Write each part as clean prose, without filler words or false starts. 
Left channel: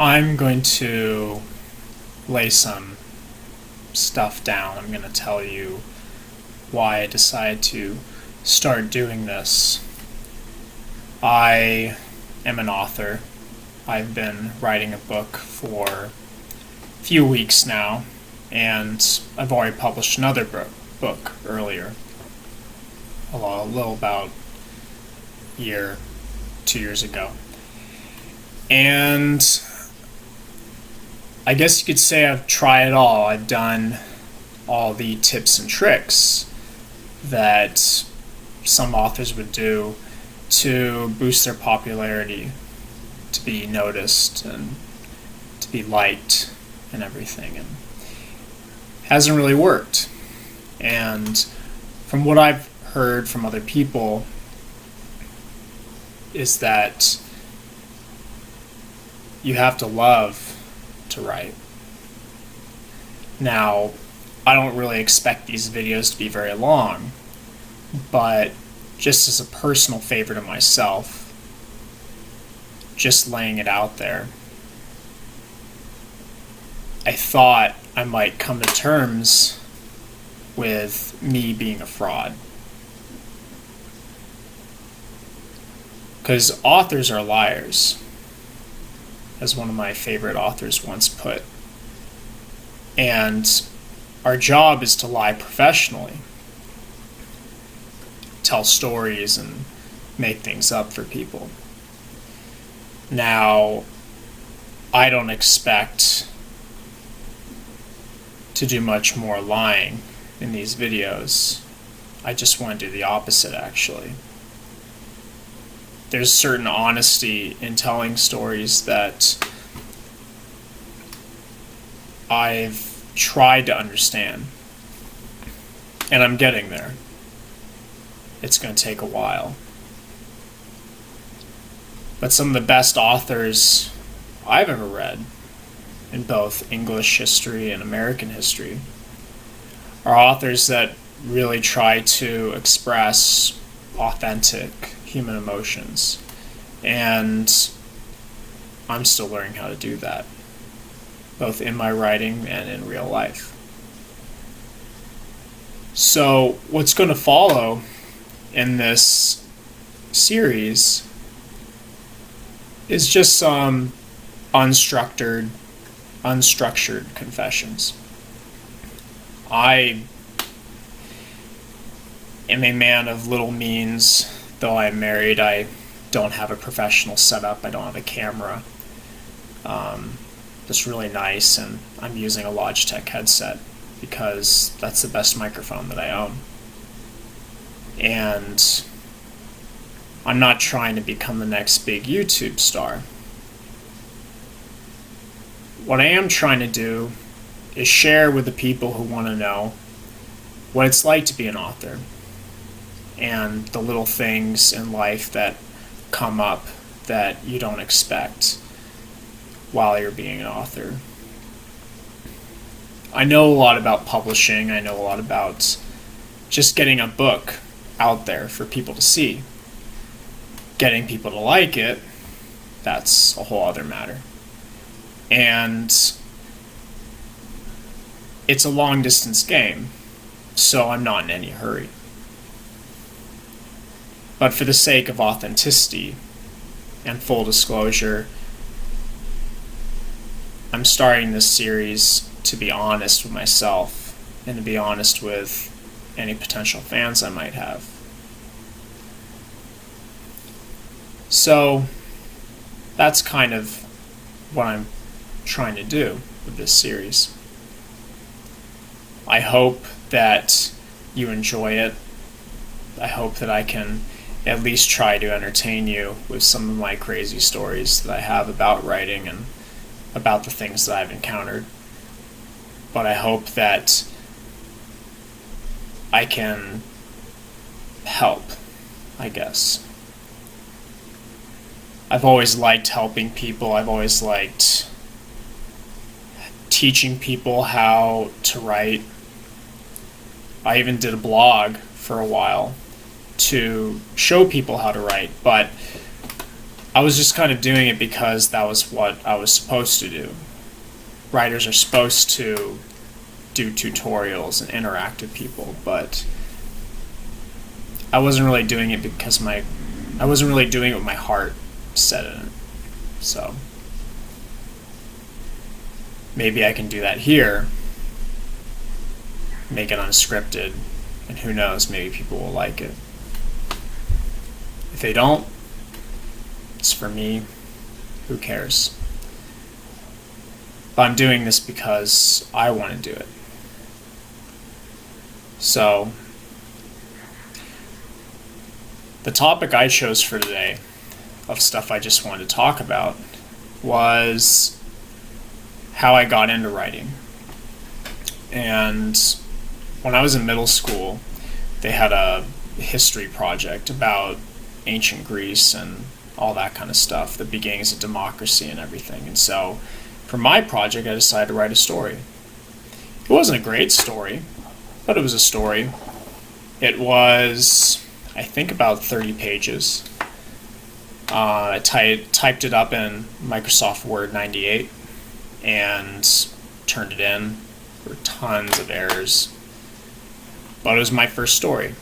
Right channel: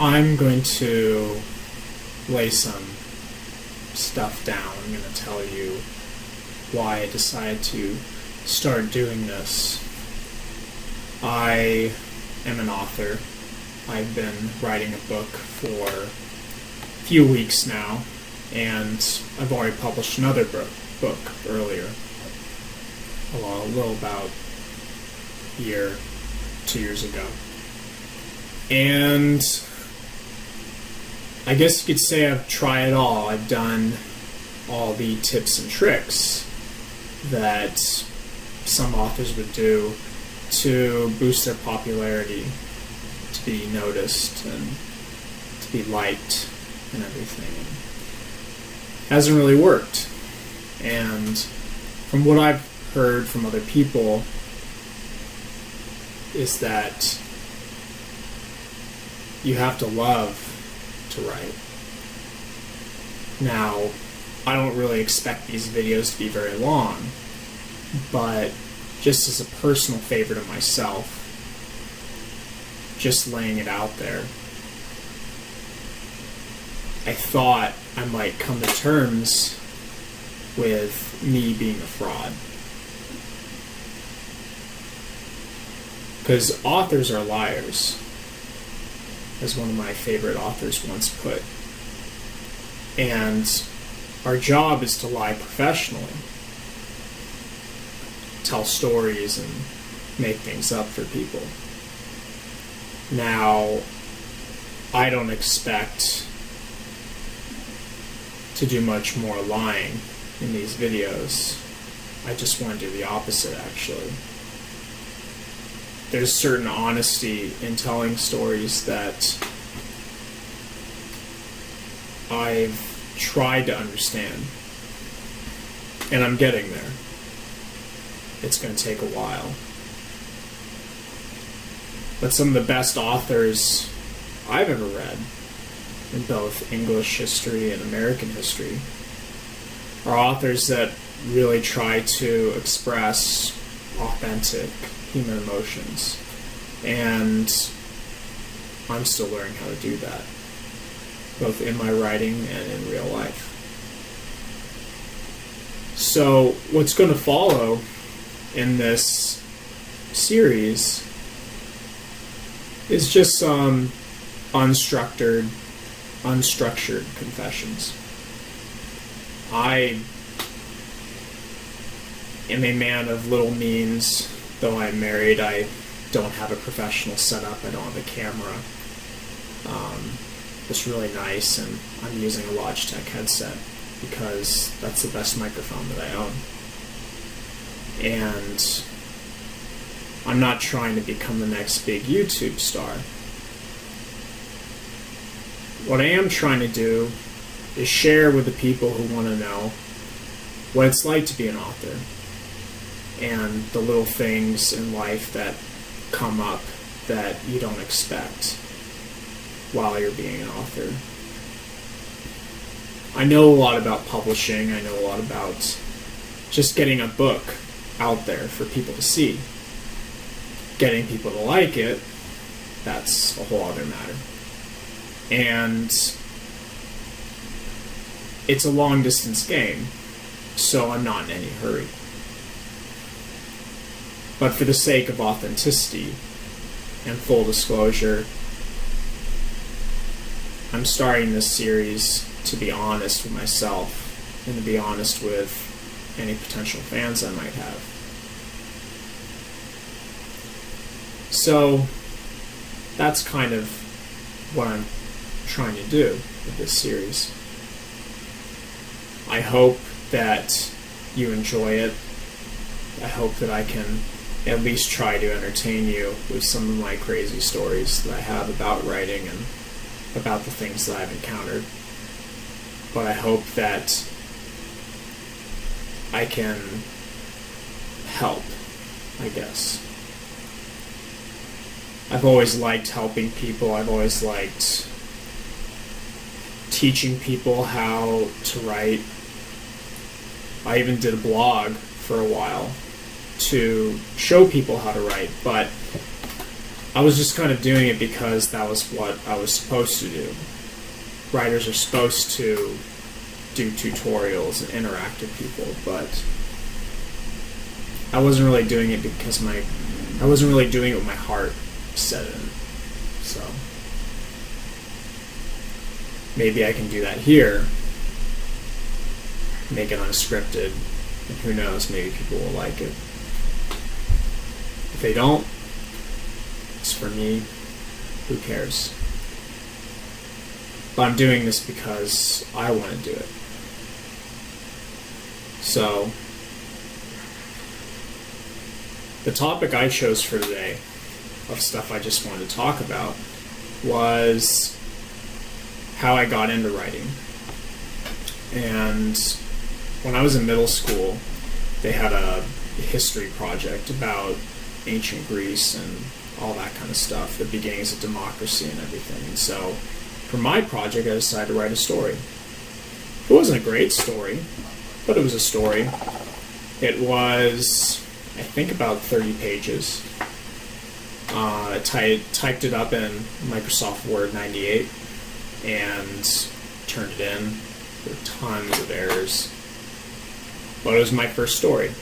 I'm going to lay some stuff down. I'm going to tell you why I decided to start doing this. I am an author. I've been writing a book for a few weeks now, and I've already published another book earlier, a little about a year, 2 years ago. And I guess you could say I've tried it all. I've done all the tips and tricks that some authors would do to boost their popularity, to be noticed and to be liked and everything. And it hasn't really worked. And from what I've heard from other people is that you have to love to write. Now, I don't really expect these videos to be very long, but just as a personal favor to myself, just laying it out there, I thought I might come to terms with me being a fraud. Because authors are liars, as one of my favorite authors once put. And our job is to lie professionally, tell stories and make things up for people. Now, I don't expect to do much more lying in these videos. I just want to do the opposite, actually. There's certain honesty in telling stories that I've tried to understand, and I'm getting there. It's going to take a while. But some of the best authors I've ever read in both English history and American history are authors that really try to express authentic human emotions. And I'm still learning how to do that, both in my writing and in real life. So what's going to follow in this series is just some unstructured confessions. I am a man of little means. Though I'm married, I don't have a professional setup. I don't have a camera. It's really nice, and I'm using a Logitech headset because that's the best microphone that I own. And I'm not trying to become the next big YouTube star. What I am trying to do is share with the people who want to know what it's like to be an author, and the little things in life that come up that you don't expect while you're being an author. I know a lot about publishing. I know a lot about just getting a book out there for people to see. Getting people to like it, that's a whole other matter. And it's a long distance game, so I'm not in any hurry. But for the sake of authenticity and full disclosure, I'm starting this series to be honest with myself and to be honest with any potential fans I might have. So that's kind of what I'm trying to do with this series. I hope that you enjoy it. I hope that I can at least try to entertain you with some of my crazy stories that I have about writing and about the things that I've encountered. But I hope that I can help, I guess. I've always liked helping people. I've always liked teaching people how to write. I even did a blog for a while to show people how to write, but I was just kind of doing it because that was what I was supposed to do. Writers are supposed to do tutorials and interact with people, but I wasn't really doing it because I wasn't really doing it with my heart set in it. So maybe I can do that here, make it unscripted, and who knows, maybe people will like it. If they don't, it's for me, who cares? But I'm doing this because I want to do it. So, the topic I chose for today, of stuff I just wanted to talk about, was how I got into writing. And when I was in middle school, they had a history project about ancient Greece and all that kind of stuff, the beginnings of democracy and everything. And so, for my project, I decided to write a story. It wasn't a great story, but it was a story. It was, I think, about 30 pages. I typed it up in Microsoft Word 98 and turned it in. There were tons of errors. But it was my first story.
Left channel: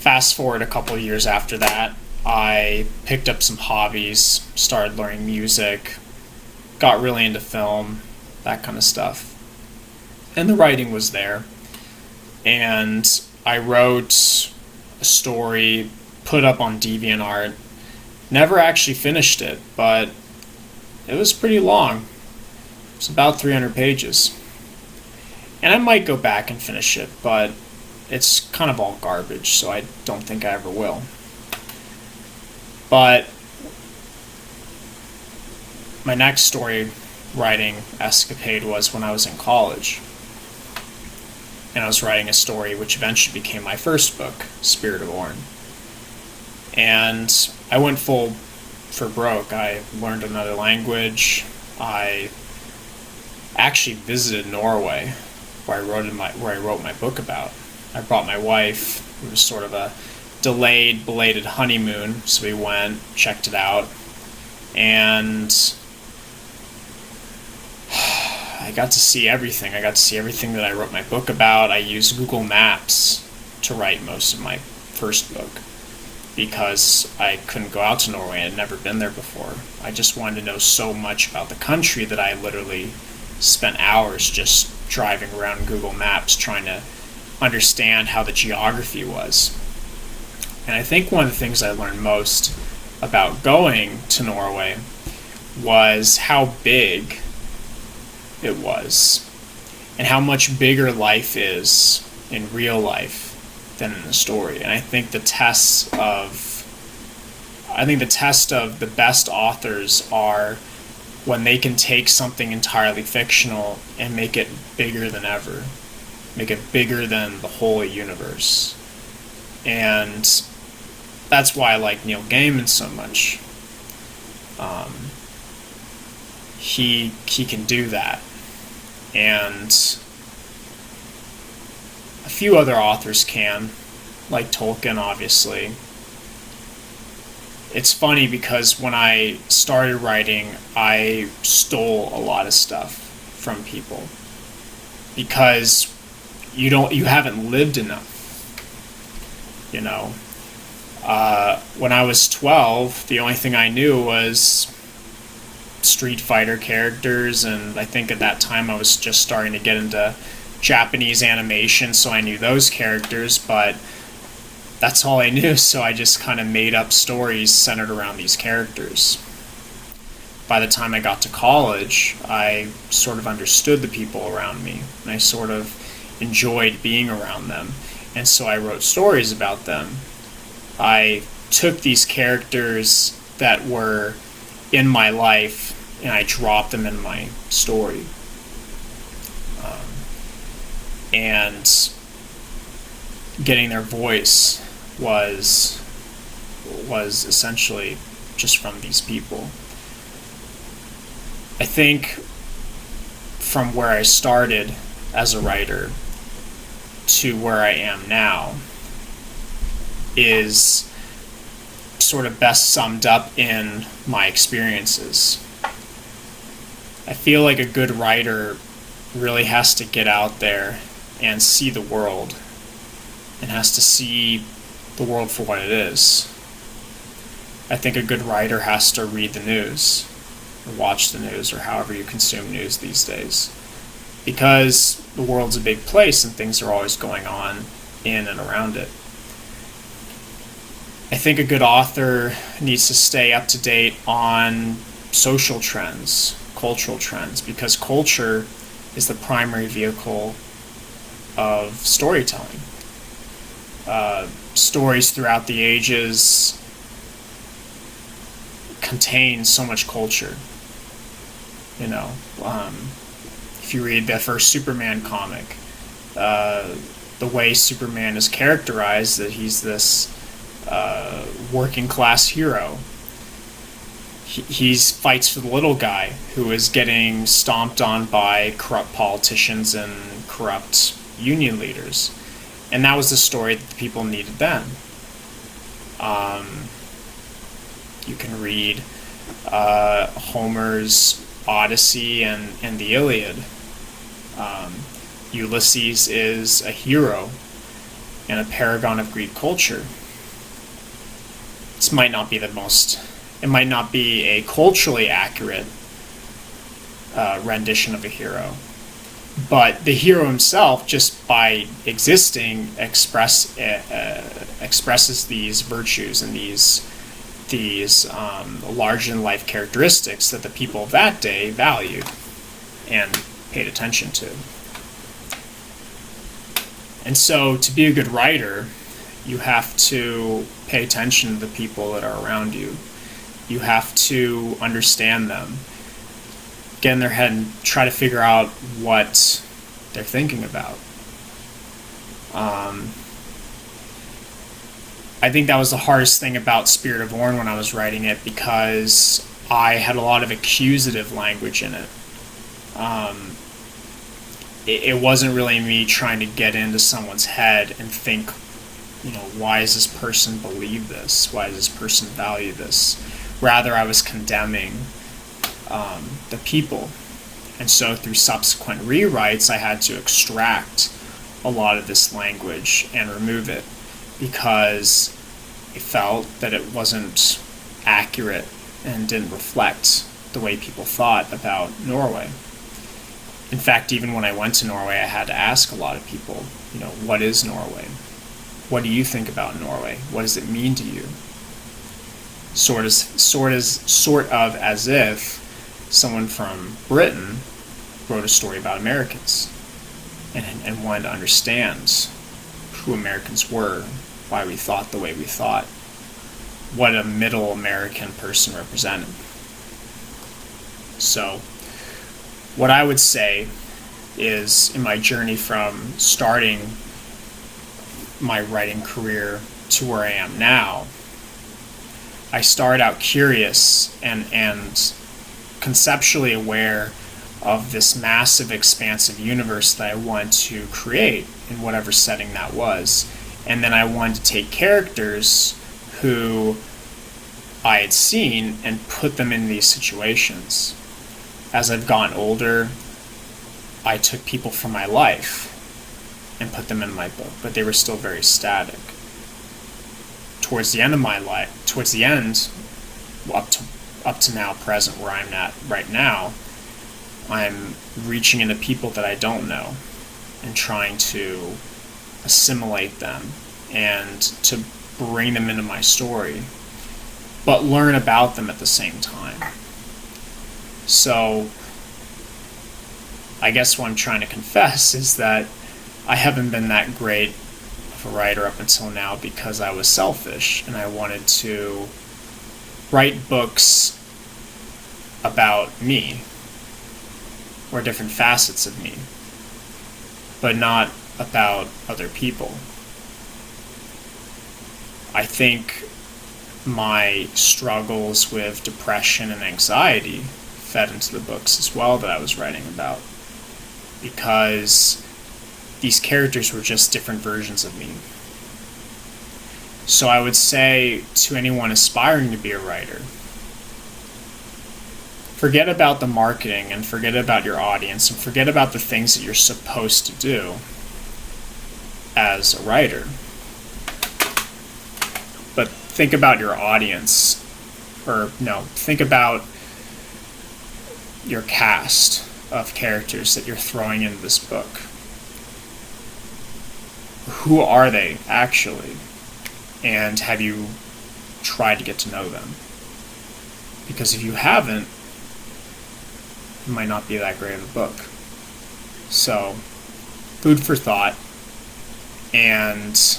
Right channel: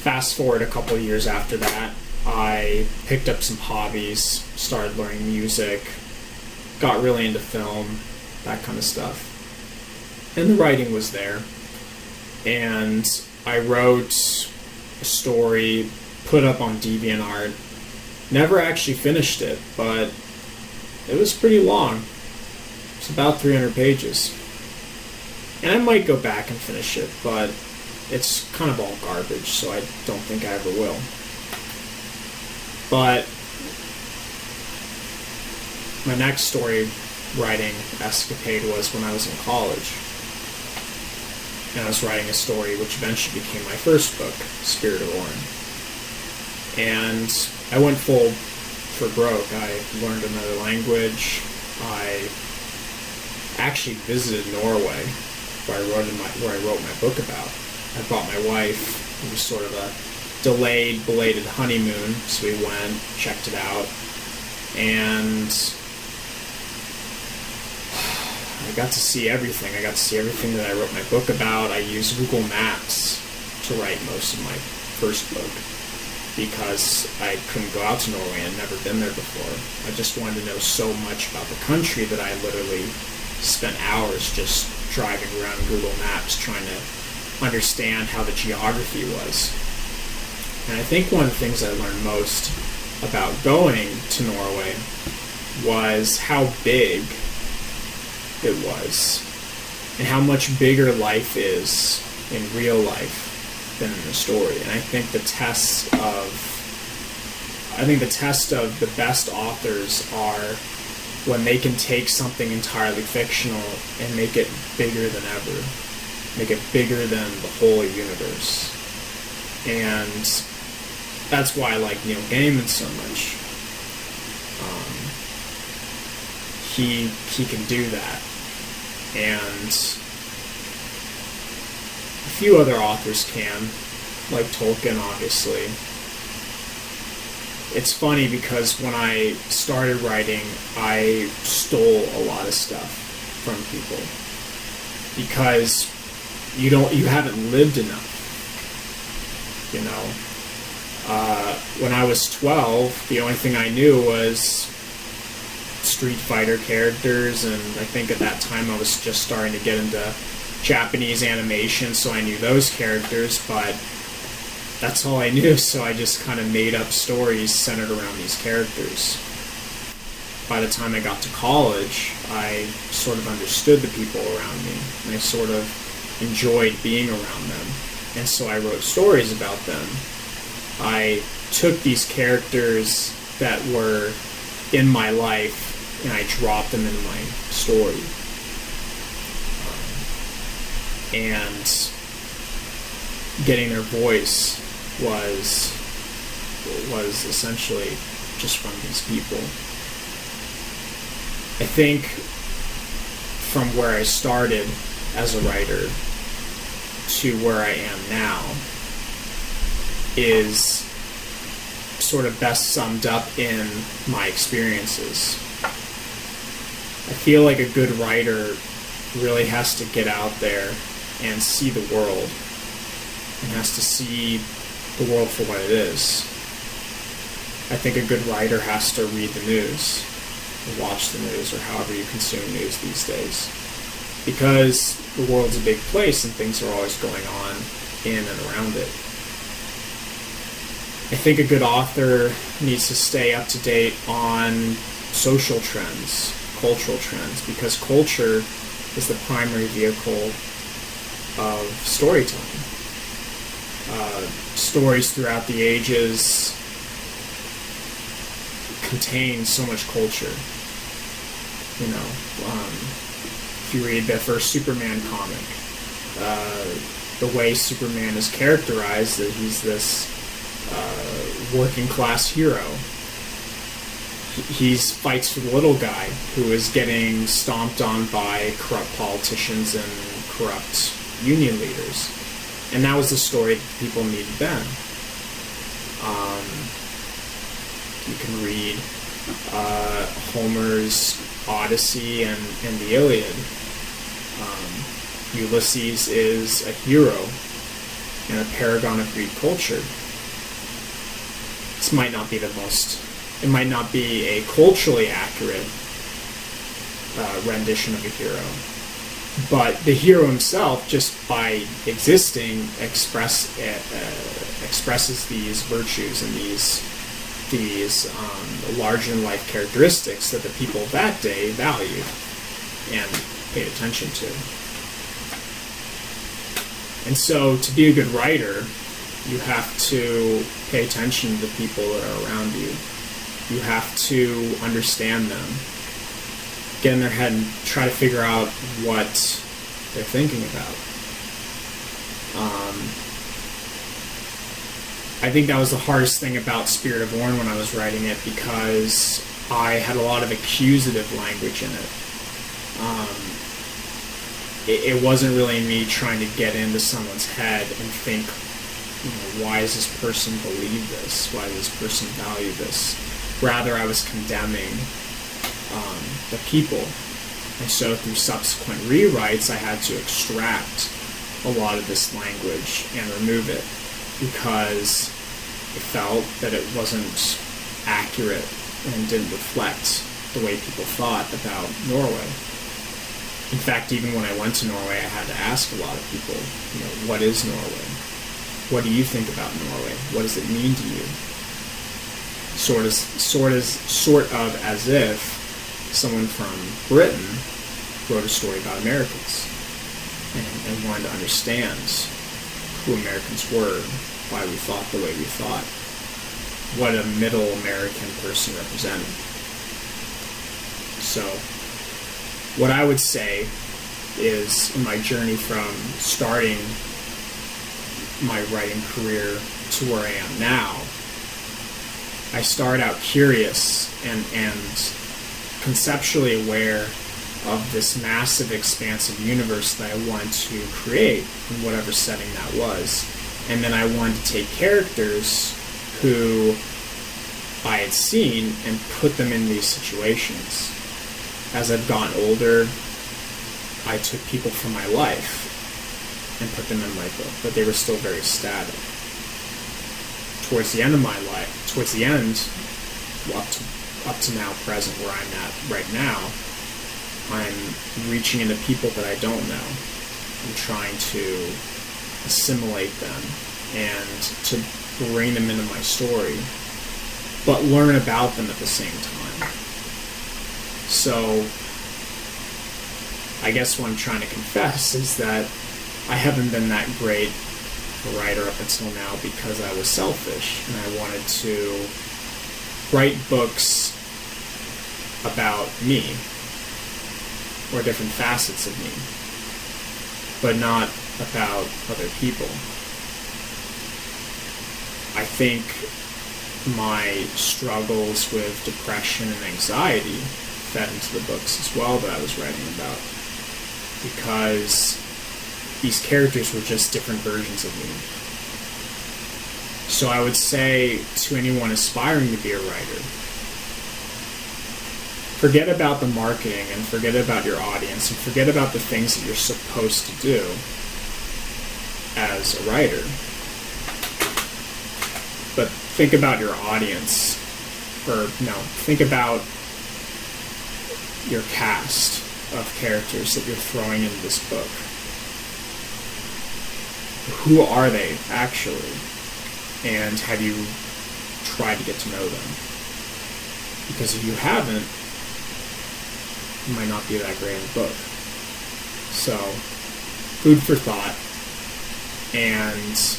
Fast forward a couple of years after that, I picked up some hobbies, started learning music, got really into film, that kind of stuff. And the writing was there. And I wrote a story, put up on DeviantArt. Never actually finished it, but it was pretty long. It's about 300 pages. And I might go back and finish it, but it's kind of all garbage, so I don't think I ever will. But my next story writing escapade was when I was in college. And I was writing a story which eventually became my first book, Spirit of Orin. And I went full for broke. I learned another language. I actually visited Norway, where I wrote my book about. I brought my wife. It was sort of a delayed, belated honeymoon, so we went, checked it out, and I got to see everything. I got to see everything that I wrote my book about. I used Google Maps to write most of my first book because I couldn't go out to Norway. I'd never been there before. I just wanted to know so much about the country that I literally spent hours just driving around Google Maps trying to understand how the geography was. And I think one of the things I learned most about going to Norway was how big it was and how much bigger life is in real life than in the story. And I think the test of the best authors are when they can take something entirely fictional and make it bigger than ever, make it bigger than the whole universe. And that's why I like Neil Gaiman so much. He can do that. And a few other authors can, like Tolkien, obviously. It's funny because when I started writing, I stole a lot of stuff from people because you haven't lived enough, you know. When I was 12, the only thing I knew was Street Fighter characters, and I think at that time I was just starting to get into Japanese animation, so I knew those characters, but that's all I knew, so I just kind of made up stories centered around these characters. By the time I got to college, I sort of understood the people around me, and I sort of enjoyed being around them, and so I wrote stories about them. I took these characters that were in my life and I dropped them in my story. And getting their voice was essentially just from these people. I think from where I started as a writer to where I am now is sort of best summed up in my experiences. I feel like a good writer really has to get out there and see the world, and has to see the world for what it is. I think a good writer has to read the news, or watch the news, or however you consume news these days. Because the world's a big place and things are always going on in and around it. I think a good author needs to stay up to date on social trends, cultural trends, because culture is the primary vehicle of storytelling. Stories throughout the ages contain so much culture. If you read the first Superman comic, the way Superman is characterized, that he's this working class hero. He fights for the little guy who is getting stomped on by corrupt politicians and corrupt union leaders. And that was the story that the people needed then. You can read Homer's Odyssey and the Iliad. Ulysses is a hero and a paragon of Greek culture. This might not be it might not be a culturally accurate rendition of a hero, but the hero himself, just by existing, expresses these virtues and these larger-than-life characteristics that the people of that day valued and paid attention to. And so, to be a good writer, you have to pay attention to the people that are around you. You have to understand them, get in their head and try to figure out what they're thinking about. I think that was the hardest thing about Spirit of Orn when I was writing it, because I had a lot of accusative language in it. It wasn't really me trying to get into someone's head and think, why does this person believe this? Why does this person value this? Rather, I was condemning the people. And so through subsequent rewrites, I had to extract a lot of this language and remove it, because I felt that it wasn't accurate and didn't reflect the way people thought about Norway. In fact, even when I went to Norway, I had to ask a lot of people, what is Norway? What do you think about Norway? What does it mean to you? Sort of as if someone from Britain wrote a story about Americans and wanted to understand who Americans were, why we thought the way we thought, what a middle American person represented. So, what I would say is, in my journey from starting my writing career to where I am now, I started out curious and conceptually aware of this massive, expansive universe that I wanted to create in whatever setting that was. And then I wanted to take characters who I had seen and put them in these situations. As I've gotten older, I took people from my life and put them in my book, but they were still very static. Towards the end of my life, up to now, present, where I'm at right now, I'm reaching into people that I don't know and trying to assimilate them and to bring them into my story, but learn about them at the same time. So, I guess what I'm trying to confess is that I haven't been that great of a writer up until now because I was selfish and I wanted to write books about me or different facets of me, but not about other people. I think my struggles with depression and anxiety fed into the books as well that I was writing about, because these characters were just different versions of me. So I would say to anyone aspiring to be a writer, forget about the marketing and forget about your audience and forget about the things that you're supposed to do as a writer. But think about your audience, or no, think about your cast of characters that you're throwing into this book. Who are they actually? And have you tried to get to know them? Because if you haven't, it might not be that great of a book. So, food for thought. And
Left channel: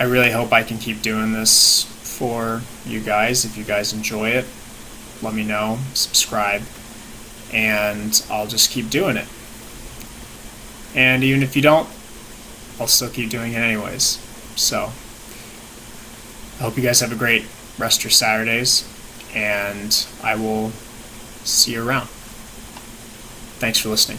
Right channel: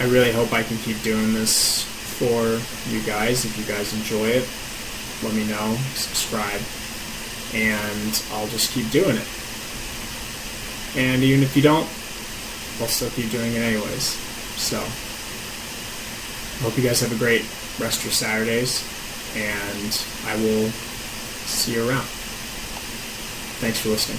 I really hope I can keep doing this for you guys. If you guys enjoy it, let me know, subscribe, and I'll just keep doing it. And even if you don't, I'll still keep doing it anyways. So, I hope you guys have a great rest of your Saturdays, and I will see you around. Thanks for listening.